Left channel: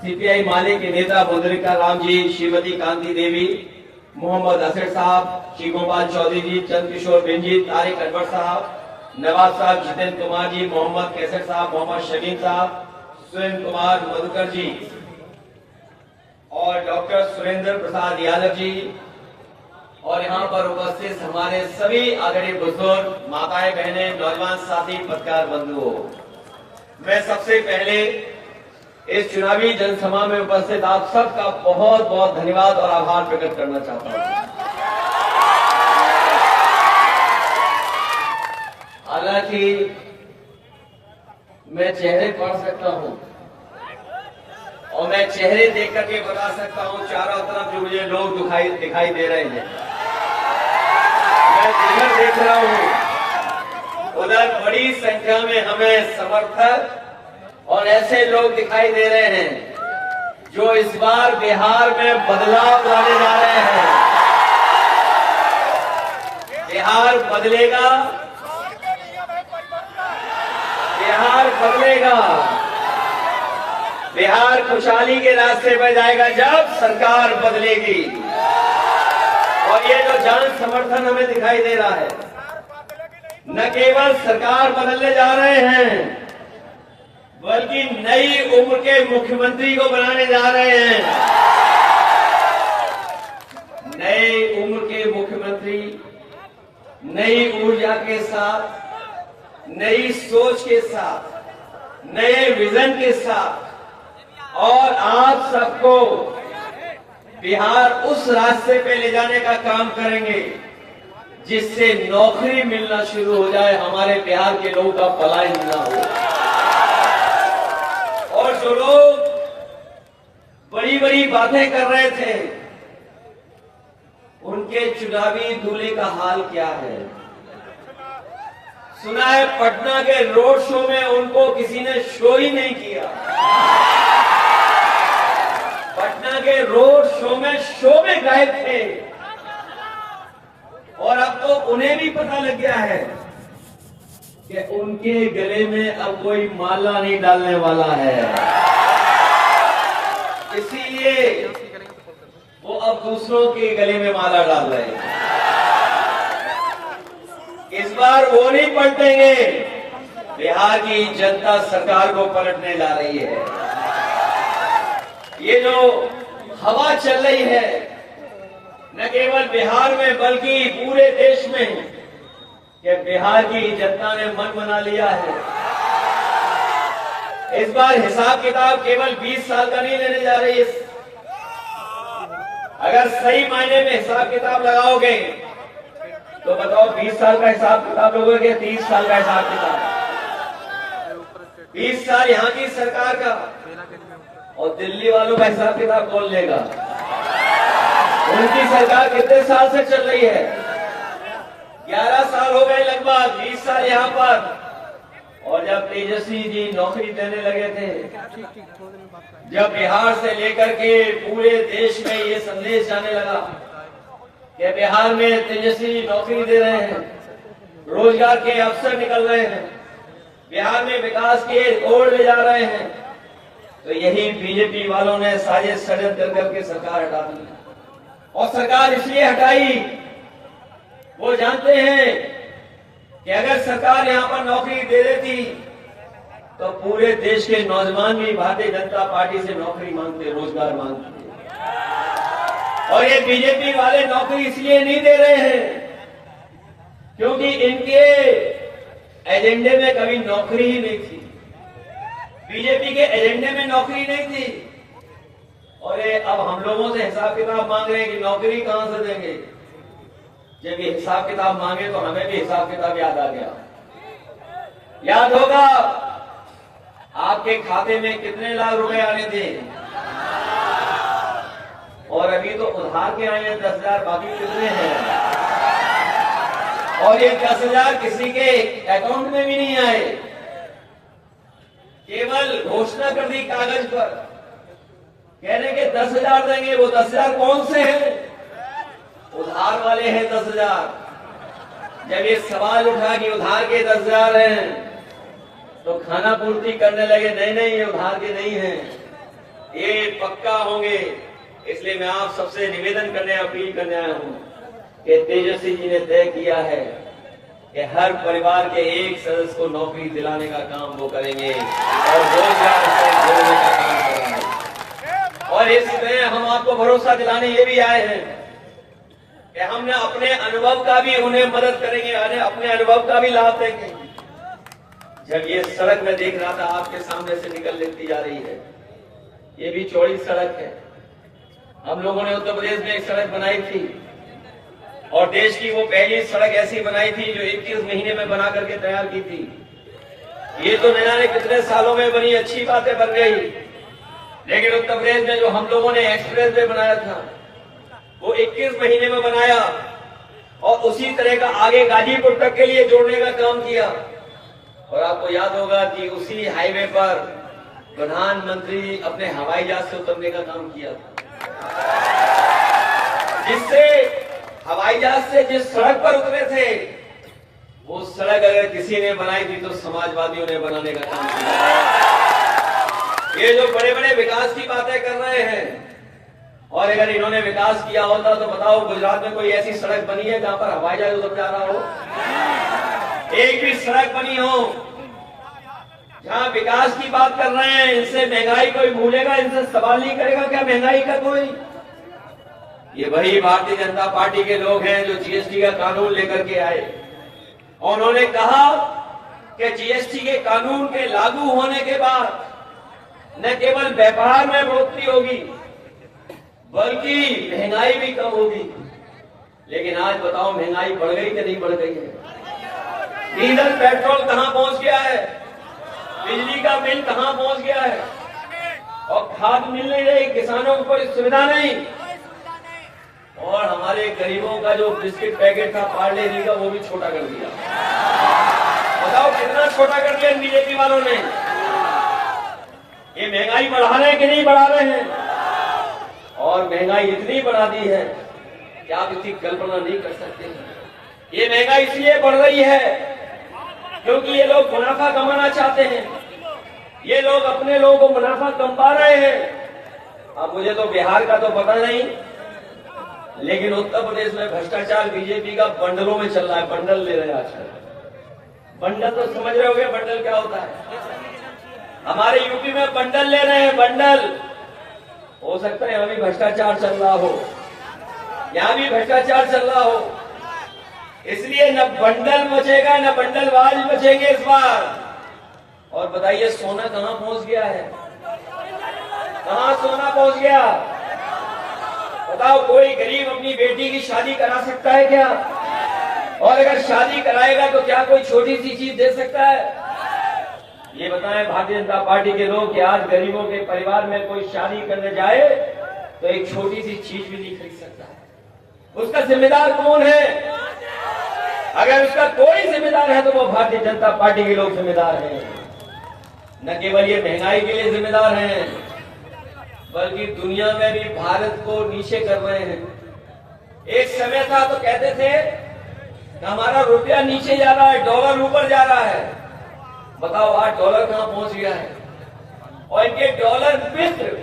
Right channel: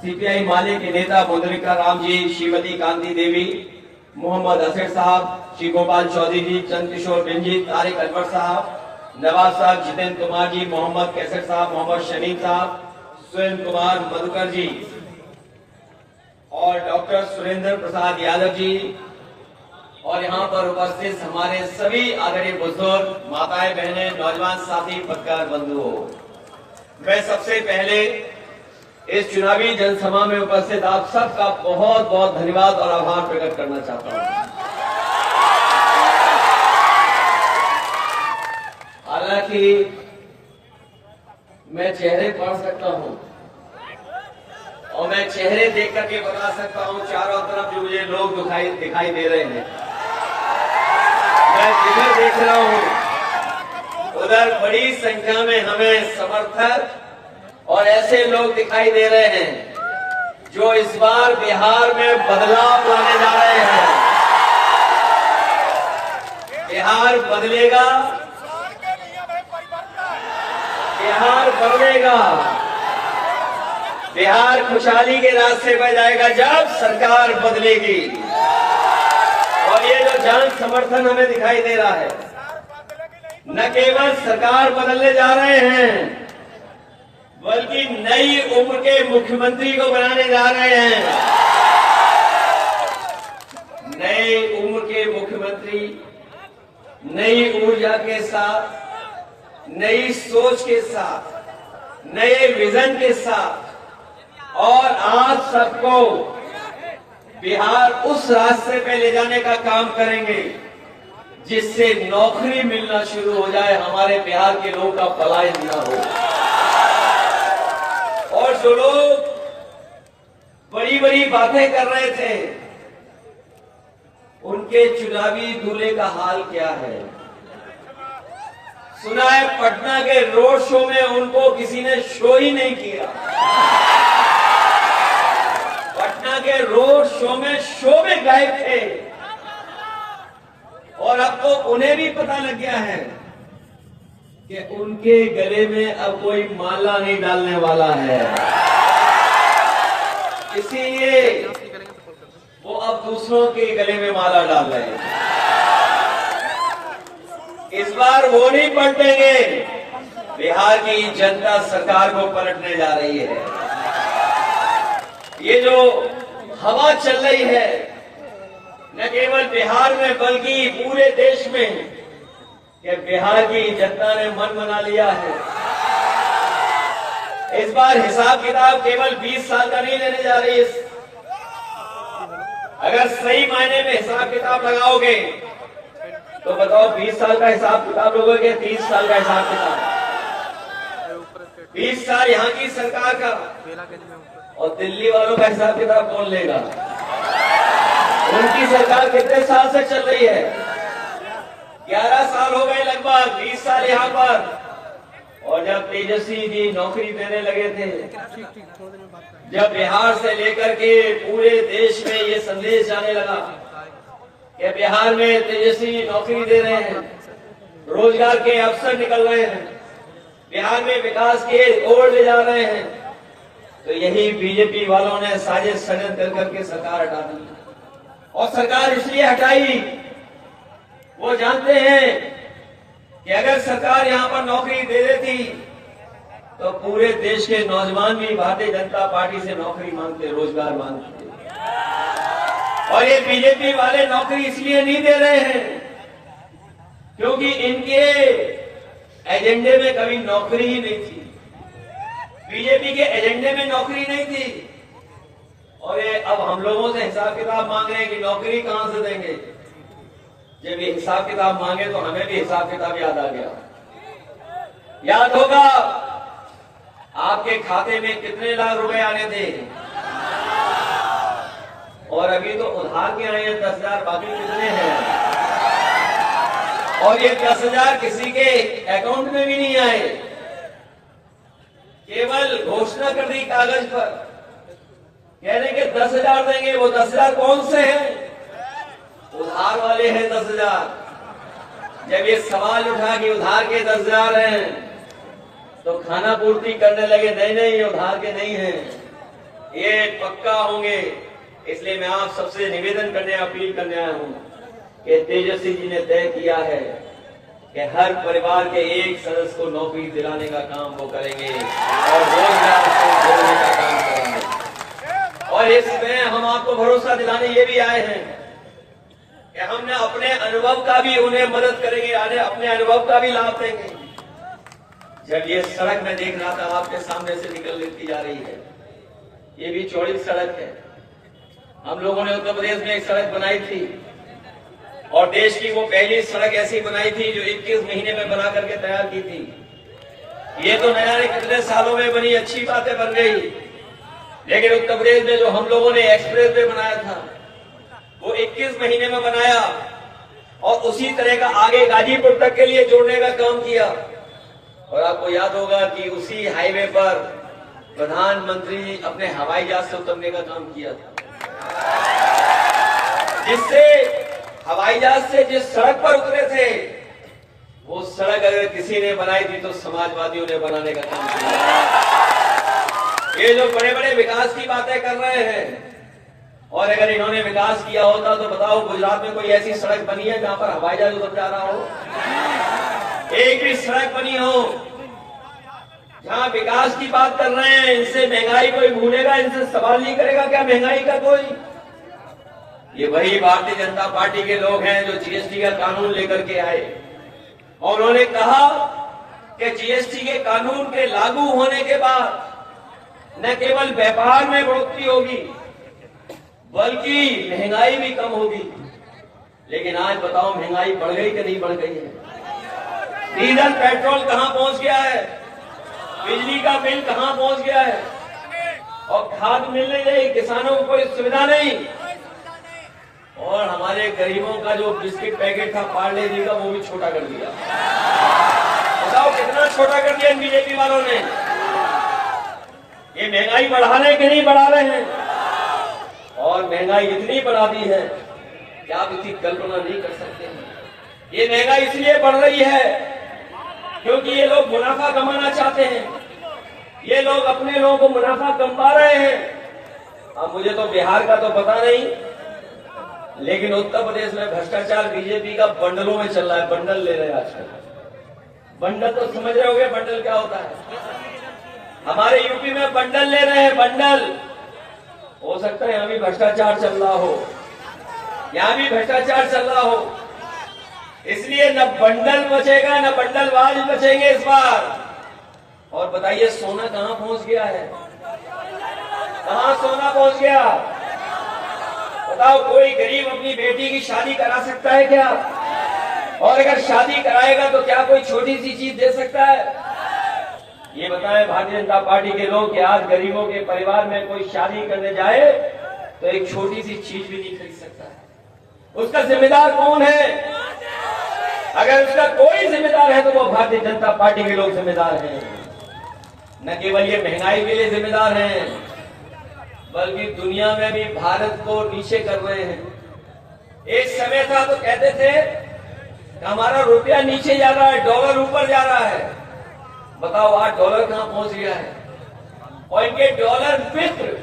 CPI माले के नेता मुद्रिका राम जी, श्रीमती कांति देवी, मोहम्मद असर साहब, श्री गोपाल चौधरी जी, चंद्रकिशोर बेंजी, तारिक अनवर साहब, नवाज साहब, जितेंद्र कुमार जी, मोहम्मद कैसर साहब, मोहम्मद शमीम साहब, सुरेंद्र कुमार मधुकर जी और डॉक्टर सुरेंद्र प्रसाद यादव जी और यहाँ पर उपस्थित हमारे सभी आदरणीय बुजुर्ग, माताएं, बहनें, नौजवान साथी, पत्रकार बंधुओं, मैं सबसे पहले इस चुनावी जनसभा में उपस्थित आप सबका बहुत बहुत धन्यवाद और आभार प्रकट करना चाहता हूं। हालांकि मैं चेहरे पढ़ सकता हूं और मैं चेहरे देख करके बता सकता हूं चारों तरफ जो मुझे लोग दिखाई दे रहे हैं। मैं जिधर देख रहा हूं उधर बड़ी संख्या में हमें समर्थक और ऐसे लोग दिखाई दे रहे हैं जो इस बार बिहार में बदलाव लाने जा रहे हैं। बिहार बदलेगा, बिहार बदलेगा, बिहार खुशहाली के रास्ते पर जाएगा जब सरकार बदलेगी। और ये जो जन समर्थन हमें दिखाई दे रहा है, न केवल सरकार बदलने जा रहे हैं बल्कि नई उम्र के मुख्यमंत्री को बनाने जा रहे हैं। नई उम्र के मुख्यमंत्री नई ऊर्जा के साथ, नई सोच के साथ, नए विजन के साथ और आप सबको बिहार उस रास्ते पे ले जाने का काम करेंगे जिससे नौकरी मिलना शुरू हो जाए, हमारे बिहार के लोगों का पलायन न हो। और जो लोग बड़ी बड़ी बातें कर रहे थे उनके चुनावी दूल्हे का हाल क्या है? सुना है पटना के रोड शो में उनको किसी ने शो ही नहीं किया। पटना के रोड शो में गायब थे और अब तो उन्हें भी पता लग गया है कि उनके गले में अब कोई माला नहीं डालने वाला है, इसीलिए वो अब दूसरों के गले में माला डाल रहे हैं। इस बार वो नहीं पलटेंगे, बिहार की जनता सरकार को पलटने जा रही है। ये जो हवा चल रही है न केवल बिहार में बल्कि पूरे देश में, कि बिहार की जनता ने मन बना लिया है। इस बार हिसाब किताब केवल 20 साल का नहीं लेने जा रही है। अगर सही मायने में हिसाब किताब लगाओगे तो बताओ 20 साल का हिसाब किताब लोगे, 30 साल का हिसाब किताब? 20 साल यहाँ की सरकार का और दिल्ली वालों का हिसाब किताब कौन लेगा? उनकी सरकार कितने साल से चल रही है? 11 साल हो गए लगभग, 20 साल यहाँ पर। और जब तेजस्वी जी नौकरी देने लगे थे, जब बिहार से लेकर के पूरे देश में ये संदेश जाने लगा कि बिहार में तेजस्वी नौकरी दे रहे हैं, रोजगार के अवसर निकल रहे हैं, बिहार में विकास के ओर ले जा रहे हैं, तो यही बीजेपी वालों ने साजिश षड्यंत्र करके सरकार हटा दी। और सरकार इसलिए हटाई, वो जानते हैं कि अगर सरकार यहां पर नौकरी दे देती तो पूरे देश के नौजवान भी भारतीय जनता पार्टी से नौकरी मांगते, रोजगार मांगते। और ये बीजेपी वाले नौकरी इसलिए नहीं दे रहे हैं क्योंकि इनके एजेंडे में कभी नौकरी ही नहीं थी। बीजेपी के एजेंडे में नौकरी नहीं थी और ये अब हम लोगों से हिसाब किताब मांग रहे हैं कि नौकरी कहां से देंगे। जब ये हिसाब किताब मांगे तो हमें भी हिसाब किताब याद आ गया। याद होगा आपके खाते में कितने लाख रुपए आने थे और अभी तो उधार के आए हैं 10,000, बाकी कितने हैं? और ये 10,000 किसी के अकाउंट में भी नहीं आए, केवल घोषणा कर दी कागज पर, कह रहे कि 10,000 देंगे। वो 10,000 कौन से हैं? उधार वाले हैं 10,000। जब ये सवाल उठा कि उधार के 10,000 हैं तो खाना पूर्ति करने लगे, नहीं नहीं ये उधार के नहीं है, ये पक्का होंगे। इसलिए मैं आप सबसे निवेदन करने, अपील करने आया हूं कि तेजस्वी जी ने तय किया है कि हर परिवार के एक सदस्य को नौकरी दिलाने का काम वो करेंगे और रोजगार से जोड़ने का काम करेंगे। और इसमें हम आपको भरोसा दिलाने ये भी आए हैं कि हमने अपने अनुभव का भी उन्हें मदद करेंगे, अपने अनुभव का भी लाभ देंगे। जब ये सड़क में देख रहा था आपके सामने से निकल लेती जा रही है, ये भी चौड़ी सड़क है। हम लोगों ने उत्तर प्रदेश में एक सड़क बनाई थी और देश की वो पहली सड़क ऐसी बनाई थी जो 21 महीने में बना करके तैयार की थी। ये तो न जाने कितने सालों में बनी, अच्छी बातें बन गई, लेकिन उत्तर प्रदेश में जो हम लोगों ने एक्सप्रेस वे बनाया था वो 21 महीने में बनाया और उसी तरह का आगे गाजीपुर तक के लिए जोड़ने का काम किया। और आपको याद होगा कि उसी हाईवे पर प्रधानमंत्री अपने हवाई जहाज से उतरने का काम किया था, जिससे हवाई जहाज से जिस सड़क पर उतरे थे वो सड़क अगर किसी ने बनाई थी तो समाजवादियों ने बनाने का काम किया। ये जो बड़े बड़े विकास की बातें कर रहे हैं, और अगर इन्होंने विकास किया होता तो बताओ गुजरात में कोई ऐसी सड़क बनी है जहां पर हवाई जहाज उतर जा रहा हो? एक भी सड़क बनी हो जहां विकास की बात कर रहे हैं? इनसे महंगाई कोई भूलेगा, इनसे सवाल नहीं करेगा क्या महंगाई का कोई? ये वही भारतीय जनता पार्टी के लोग हैं जो जीएसटी का कानून लेकर के आए और उन्होंने कहा कि जीएसटी के कानून के लागू होने के बाद न केवल व्यापार में बढ़ोतरी होगी बल्कि महंगाई भी कम होगी। लेकिन आज बताओ महंगाई बढ़ गई कि नहीं बढ़ गई है? डीजल पेट्रोल कहां पहुंच गया है? बिजली का बिल कहां पहुंच गया है? और खाद मिल नहीं रही, किसानों को कोई सुविधा नहीं। और हमारे गरीबों का जो बिस्किट पैकेट था पार्ले जी का वो भी छोटा कर दिया। बताओ कितना छोटा कर दिया बीजेपी वालों ने। ये महंगाई बढ़ा रहे हैं कि नहीं बढ़ा रहे हैं? और महंगाई इतनी बढ़ा दी है कि आप इसकी कल्पना नहीं कर सकते। ये महंगाई इसलिए बढ़ रही है क्योंकि ये लोग मुनाफा कमाना चाहते हैं, ये लोग अपने लोगों को मुनाफा कमा रहे हैं। अब मुझे तो बिहार का तो पता नहीं, लेकिन उत्तर प्रदेश में भ्रष्टाचार बीजेपी का बंडलों में चल रहा है। बंडल ले रहे हैं आजकल। बंडल तो समझ रहे होंगे बंडल क्या होता है। हमारे यूपी में बंडल ले रहे हैं, बंडल। हो सकता है यहां भी भ्रष्टाचार चल रहा हो, यहां भी भ्रष्टाचार चल रहा हो, इसलिए न बंडल बचेगा न बंडलबाज बचेंगे इस बार। और बताइए सोना कहां पहुंच गया है? कहां सोना पहुंच गया? बताओ कोई गरीब अपनी बेटी की शादी करा सकता है क्या? और अगर शादी कराएगा तो क्या कोई छोटी सी चीज दे सकता है? ये बताएं भारतीय जनता पार्टी के लोग कि आज गरीबों के परिवार में कोई शादी करने जाए तो एक छोटी सी चीज भी नहीं खरीद सकता है। उसका जिम्मेदार कौन है? अगर उसका कोई जिम्मेदार है तो वो भारतीय जनता पार्टी के लोग जिम्मेदार हैं। न केवल ये महंगाई के लिए जिम्मेदार हैं बल्कि दुनिया में भी भारत को नीचे कर रहे हैं। एक समय था तो कहते थे कि हमारा रुपया नीचे जा रहा है, डॉलर ऊपर जा रहा है। बताओ आज डॉलर कहां पहुंच गया है? और इनके डॉलर मित्र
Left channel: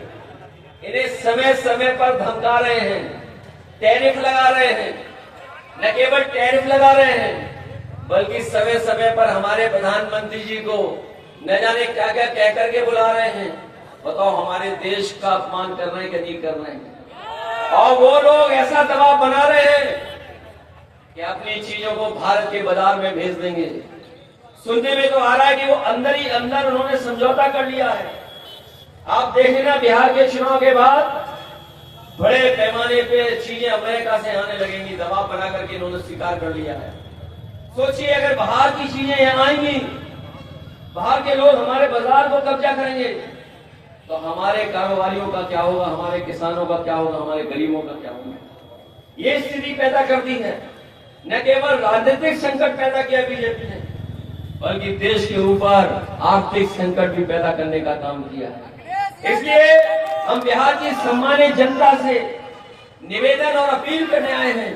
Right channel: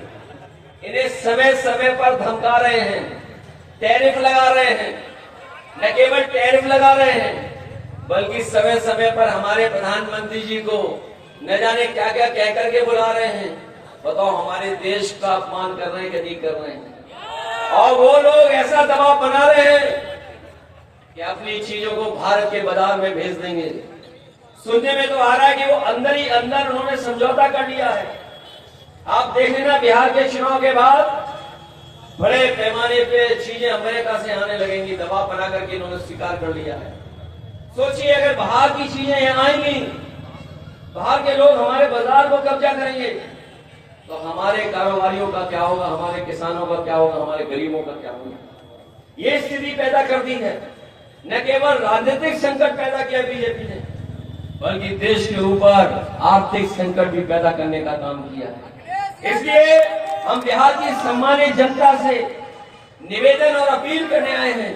इन्हें समय समय पर धमका रहे हैं, टैरिफ लगा रहे हैं। न केवल टैरिफ लगा रहे हैं बल्कि समय समय पर हमारे प्रधानमंत्री जी को न जाने क्या क्या कह करके बुला रहे हैं। बताओ हमारे देश का अपमान कर रहे हैं कि नहीं कर रहे हैं? और वो लोग ऐसा दबाव बना रहे हैं कि अपनी चीजों को भारत के बाजार में भेज देंगे। सुनने में तो आ रहा है कि वो अंदर ही अंदर उन्होंने समझौता कर लिया है। आप देख लेना बिहार के चुनाव के बाद बड़े पैमाने पे चीजें अमेरिका से आने लगेंगी, दबाव बना करके इन्होंने स्वीकार कर लिया है। सोचिए अगर बाहर की चीजें यहाँ आएंगी, बाहर के लोग हमारे बाजार को कब्जा करेंगे तो हमारे कारोबारियों का क्या होगा, हमारे किसानों का क्या होगा, हमारे गरीबों का क्या होगा? ये स्थिति पैदा कर दी है। न केवल राजनीतिक संकट पैदा किया बीजेपी ने बल्कि देश के ऊपर आर्थिक संकट भी पैदा करने का काम किया है। इसलिए हम बिहार की सम्मानित जनता से निवेदन और अपील करने आए हैं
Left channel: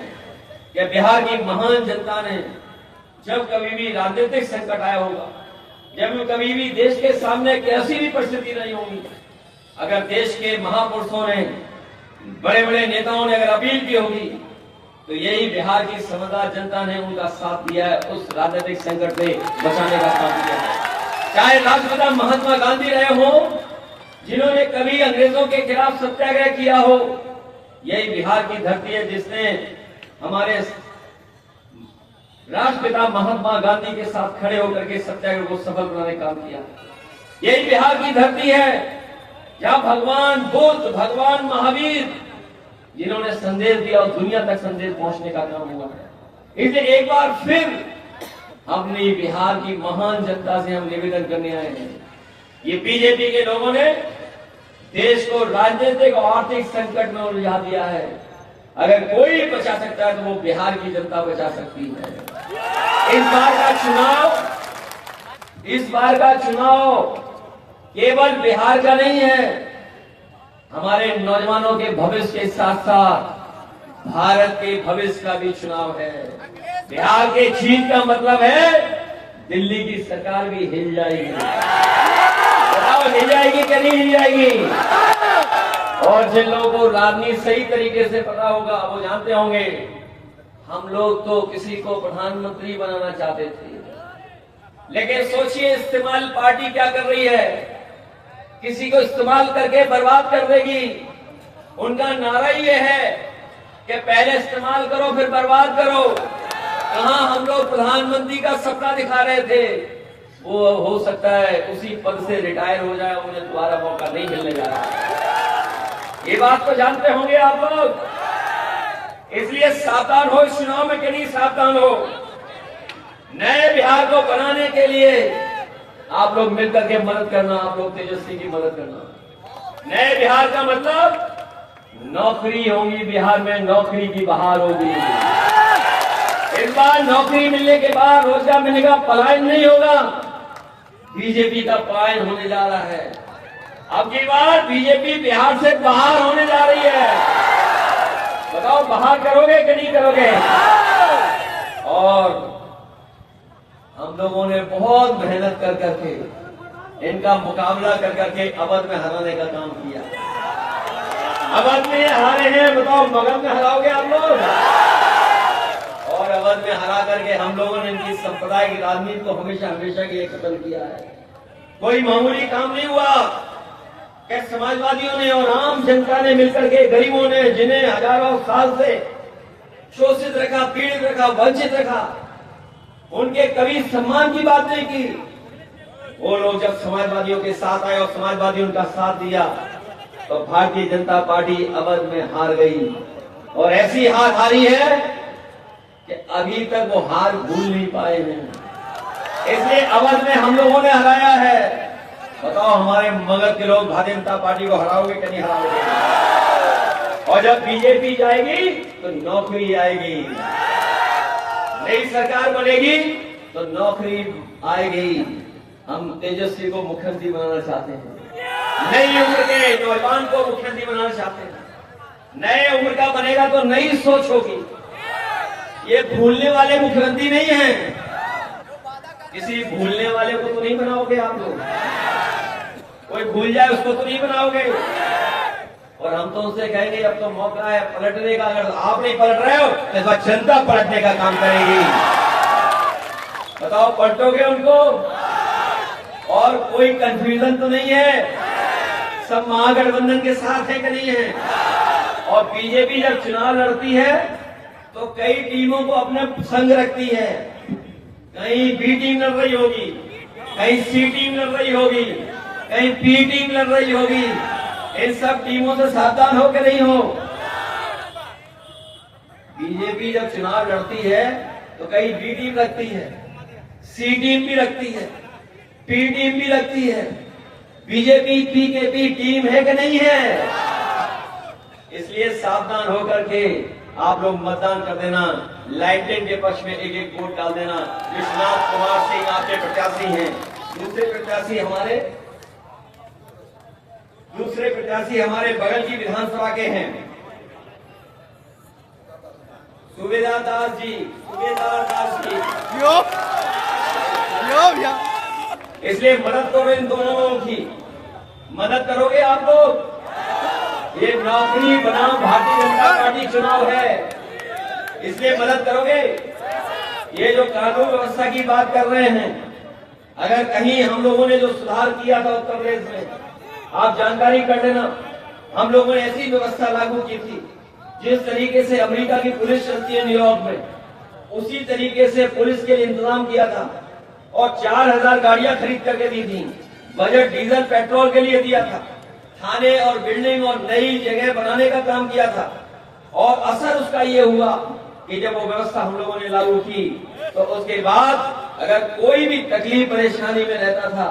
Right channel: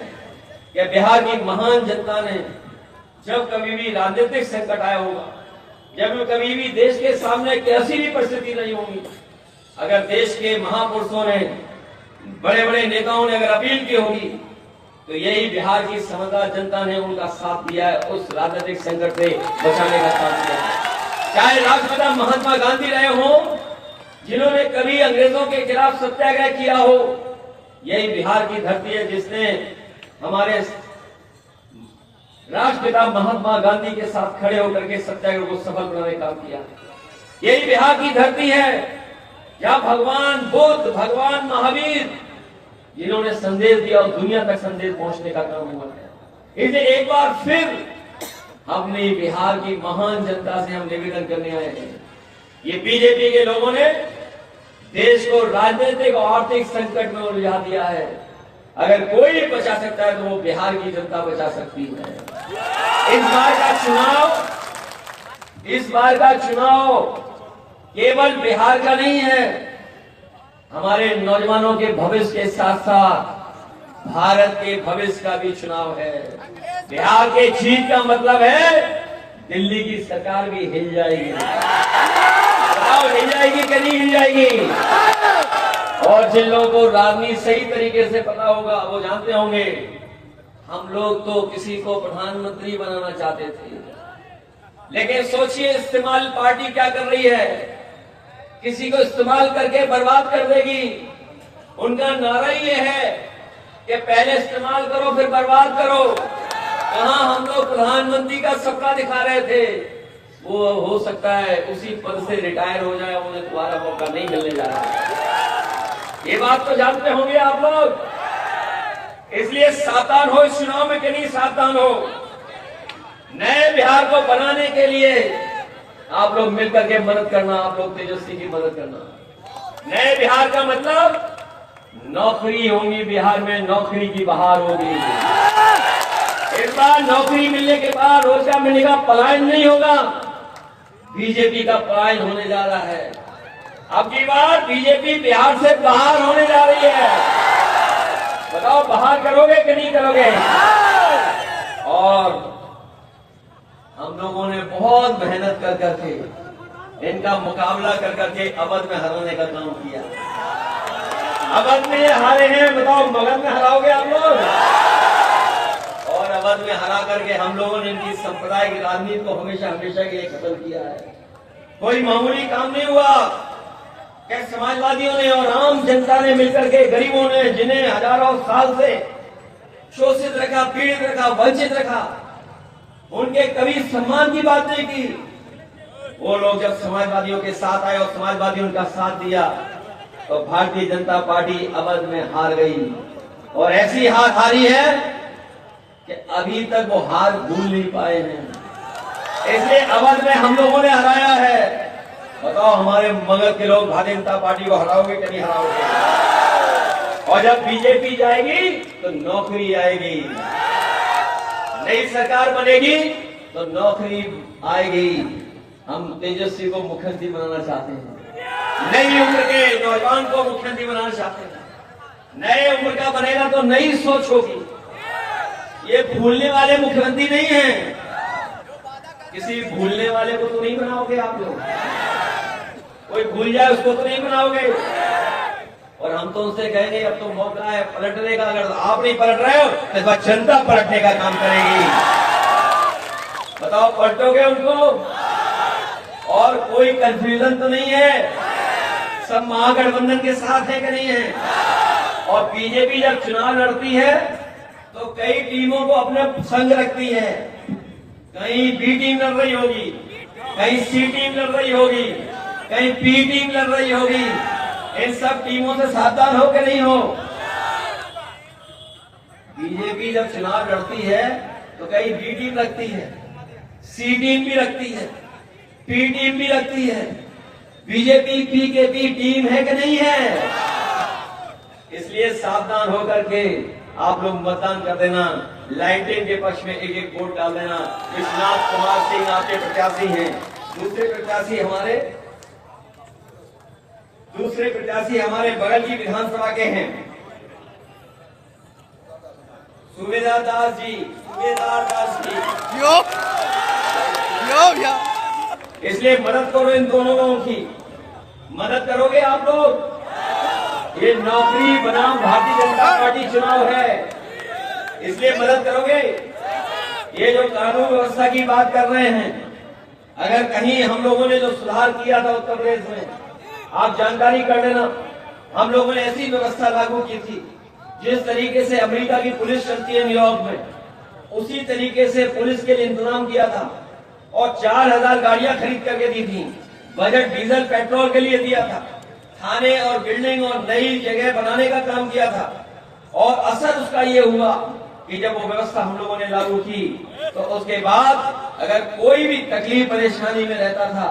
कि बिहार की महान जनता ने जब कभी भी राजनीतिक संकट आया होगा जब कभी भी देश के सामने कैसी भी परिस्थिति नहीं होगी, अगर देश के महापुरुषों ने, बड़े बड़े नेताओं ने अगर अपील की होगी, तो यही बिहार की समझदार जनता ने उनका साथ दिया है, उस राजनीतिक संकट से बचाने का काम किया है। चाहे राष्ट्रपिता महात्मा गांधी रहे हो, जिन्होंने कभी अंग्रेजों के खिलाफ सत्याग्रह किया हो, यही बिहार की धरती है जिसने हमारे राष्ट्रपिता महात्मा गांधी के साथ खड़े होकर के सत्याग्रह को सफल बनाने का काम किया। यही बिहार की धरती है जहां भगवान बुद्ध, भगवान महावीर, जिन्होंने संदेश दिया और दुनिया तक संदेश पहुंचने का काम हुआ है। इसलिए एक बार फिर अपने बिहार की महान जनता से हम निवेदन करने आए हैं, ये बीजेपी के लोगों ने देश को राजनीतिक और आर्थिक संकट में उलझा दिया है। अगर कोई बचा सकता है तो वो बिहार की जनता बचा सकती है। इस बार का चुनाव केवल बिहार का नहीं है, हमारे नौजवानों के भविष्य के साथ साथ भारत के भविष्य का भी चुनाव है। बिहार के जीत का मतलब है दिल्ली की सरकार भी हिल जाएगी। बताओ, हिल जाएगी कि नहीं हिल जाएगी? और जिन लोगों को राजनीति सही तरीके से पता होगा वो जानते होंगे, हम लोग तो किसी को प्रधानमंत्री बनाना चाहते थे, लेकिन सोचिए इस्तेमाल पार्टी क्या कर रही है, किसी को इस्तेमाल करके बर्बाद कर देगी। उनका नारा ये है कि पहले इस्तेमाल करो फिर बर्बाद करो। कहां हम लोग प्रधानमंत्री का सपना दिखा रहे थे, वो हो सकता है उसी पद से रिटायर हो जाए, उन्हें दोबारा मौका नहीं मिलने जा रहा। ये बात तो जानते होंगे आप लोग। इसलिए सावधान हो, इस चुनाव में कहीं सावधान हो। नए बिहार को बनाने के लिए आप लोग मिलकर के मदद करना, आप लोग तेजस्वी की मदद करना। नए बिहार का मतलब नौकरी होगी, बिहार में नौकरी की बहार होगी। इस बार नौकरी मिलने के बाद, रोजगार मिलने का पलायन नहीं होगा, बीजेपी का पलायन होने जा रहा है। अब की बार बीजेपी बिहार से बाहर होने जा रही है। बताओ, बाहर करोगे कि नहीं करोगे? और हम लोगों ने बहुत मेहनत कर करके इनका मुकाबला कर करके अवध में हराने का काम किया। अवध में हारे हैं, बताओ मगध में हराओगे आप लोग? और अवध में हरा करके हम लोगों ने इनकी सांप्रदायिक राजनीति को हमेशा हमेशा के लिए खत्म किया है। कोई मामूली काम नहीं हुआ कि समाजवादियों ने और आम जनता ने मिलकर के, गरीबों ने, जिन्हें हजारों साल से शोषित रखा, पीड़ित रखा, वंचित रखा, उनके कभी सम्मान की बात नहीं की। वो लोग जब समाजवादियों के साथ आए और समाजवादियों उनका साथ दिया, तो भारतीय जनता पार्टी अवध में हार गई। और ऐसी हार हारी है कि अभी तक वो हार भूल नहीं पाए हैं। इसलिए अवध में हम लोगों ने हराया है। बताओ, हमारे मगध के लोग भारतीय जनता पार्टी को हराओगे कि नहीं हराओगे? और जब बीजेपी जाएगी तो नौकरी आएगी, नई सरकार बनेगी तो नौकरी आएगी। हम तेजस्वी को मुख्यमंत्री बनाना चाहते हैं, नई उम्र के नौजवान को मुख्यमंत्री बनाना चाहते हैं। नए उम्र का बनेगा तो नई सोच होगी। ये भूलने वाले मुख्यमंत्री नहीं है। किसी भूलने वाले को तो नहीं बनाओगे आप लोग। कोई भूल जाए उसको तो नहीं बनाओगे। और हम तो उनसे कहेंगे अब तो मौका है पलटने का। अगर आप नहीं पलट रहे हो तो इस बार जनता पलटने का काम करेगी। बताओ, पलटोगे उनको? और कोई कंफ्यूजन तो नहीं है, सब महागठबंधन के साथ है कि नहीं है? और बीजेपी जब चुनाव लड़ती है तो कई टीमों को अपने संग रखती है। कहीं बी टीम लड़ रही होगी, कहीं सी टीम लड़ रही होगी, कहीं पी टीम लड़ रही होगी। इन सब टीमों से सावधान हो कि नहीं हो? बीजेपी जब चुनाव लड़ती है तो कहीं बी टीम रखती है, सी टीम भी रखती है, पी टीम भी रखती है। बीजेपी पीकेपी टीम है कि नहीं है? इसलिए सावधान होकर के आप लोग मतदान कर देना। लाइटिंग के पक्ष में एक एक वोट डाल देना। विश्वनाथ कुमार सिंह आपके प्रत्याशी हैं। दूसरे प्रत्याशी हमारे बगल की विधानसभा के हैं, सूबेदार दास जी। इसलिए मदद करो इन दोनों लोगों की। मदद करोगे आप लोग? ये नौकरी बनाओ भारतीय जनता पार्टी चुनाव है, इसलिए मदद करोगे? ये जो कानून व्यवस्था की बात कर रहे हैं, अगर कहीं हम लोगों ने जो सुधार किया था उत्तर प्रदेश में, आप जानकारी कर लेना, हम लोगों ने ऐसी व्यवस्था लागू की थी जिस तरीके से अमेरिका की पुलिस चलती है न्यूयॉर्क में, उसी तरीके से पुलिस के लिए इंतजाम किया था और 4000 गाड़ियां खरीद करके दी थी। बजट डीजल पेट्रोल के लिए दिया था, थाने और बिल्डिंग और नई जगह बनाने का काम किया था। और असर उसका ये हुआ कि जब वो व्यवस्था हम लोगों ने लागू की तो उसके बाद अगर कोई भी तकलीफ परेशानी में रहता था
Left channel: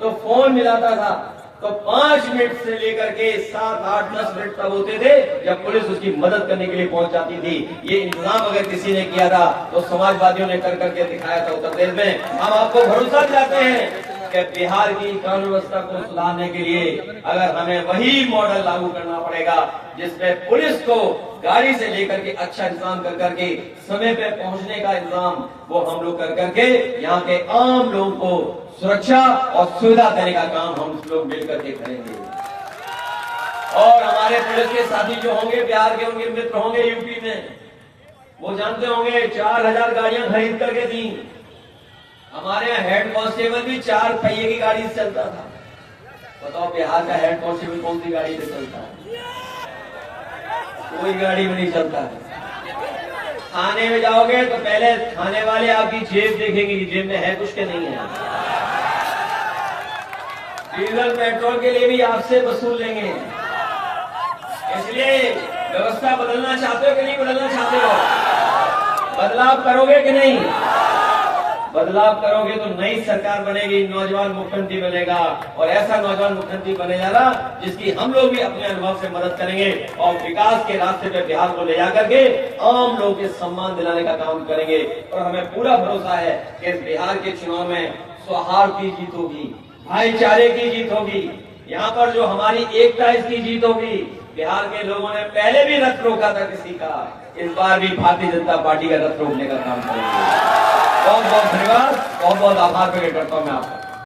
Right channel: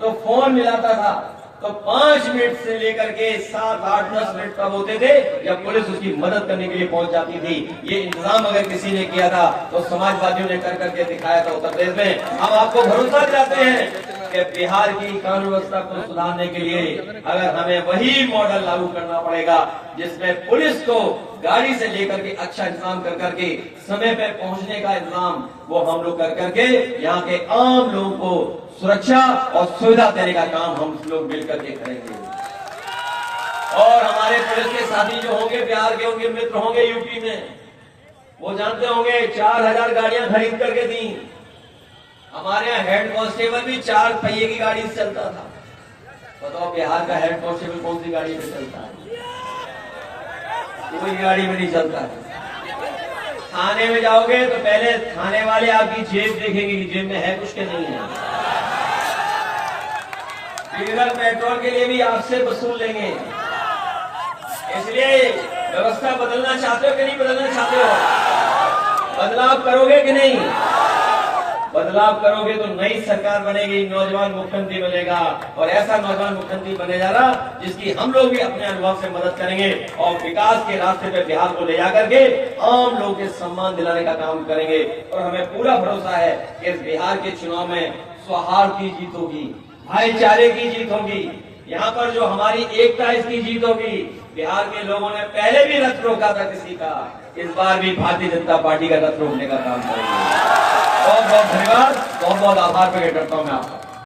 तो फोन मिलाता था, तो 5 मिनट से लेकर के 7, 8, 10 मिनट तक होते थे जब पुलिस उसकी मदद करने के लिए पहुंच जाती थी। ये इंतजाम अगर किसी ने किया था तो समाजवादियों ने कर करके दिखाया था उत्तर प्रदेश में। हम आपको भरोसा दिलाते हैं कि बिहार की कानून व्यवस्था को सुधारने के लिए अगर हमें वही मॉडल लागू करना पड़ेगा जिसमें पुलिस को गाड़ी से लेकर के अच्छा इंतजाम कर करके समय पर पहुंचने का इंतजाम वो हम लोग कर करके यहाँ के आम लोगों को सुरक्षा और सुविधा देने का काम हम लोग मिलकर के करेंगे। और हमारे पुलिस के साथी जो होंगे, बिहार के होंगे, मित्र होंगे यूपी में, वो जानते होंगे 4000 गाड़ियां खरीद करके दी। हमारे यहाँ हेड कांस्टेबल भी 4 पहिए की गाड़ी से चलता था। बताओ बिहार का हेड कांस्टेबल कौन सी गाड़ी से चलता है? कोई गाड़ी में नहीं चलता है। थाने में जाओगे तो पहले थाने वाले आपकी जेब देखेंगे कि जेब में है कुछ के नहीं है। डीजल पेट्रोल के लिए भी आपसे वसूल लेंगे। इसलिए व्यवस्था बदलना चाहते हो कि नहीं बदलना चाहते हो? बदलाव करोगे कि नहीं? बदलाव करोगे तो नई सरकार बनेगी, नौजवान मुख्यमंत्री बनेगा और ऐसा नौजवान मुख्यमंत्री बने जा रहा जिसकी हम लोग भी अपने अनुभव से मदद करेंगे और विकास के रास्ते पे बिहार को ले जाकर के आम लोगों के सम्मान दिलाने का काम करेंगे। और हमें पूरा भरोसा है कि इस बिहार के चुनाव में सौहार्द की जीत होगी, भाईचारे की जीत होगी, यहाँ पर जो हमारी एकता इसकी जीत होगी। बिहार के लोगों ने पहले भी रथ रोका था किसी का, इस बार भी भारतीय जनता पार्टी का रथ रोकने का काम करेंगे। बहुत बहुत धन्यवाद, बहुत बहुत आभार प्रकट करता हूँ मैं आपका।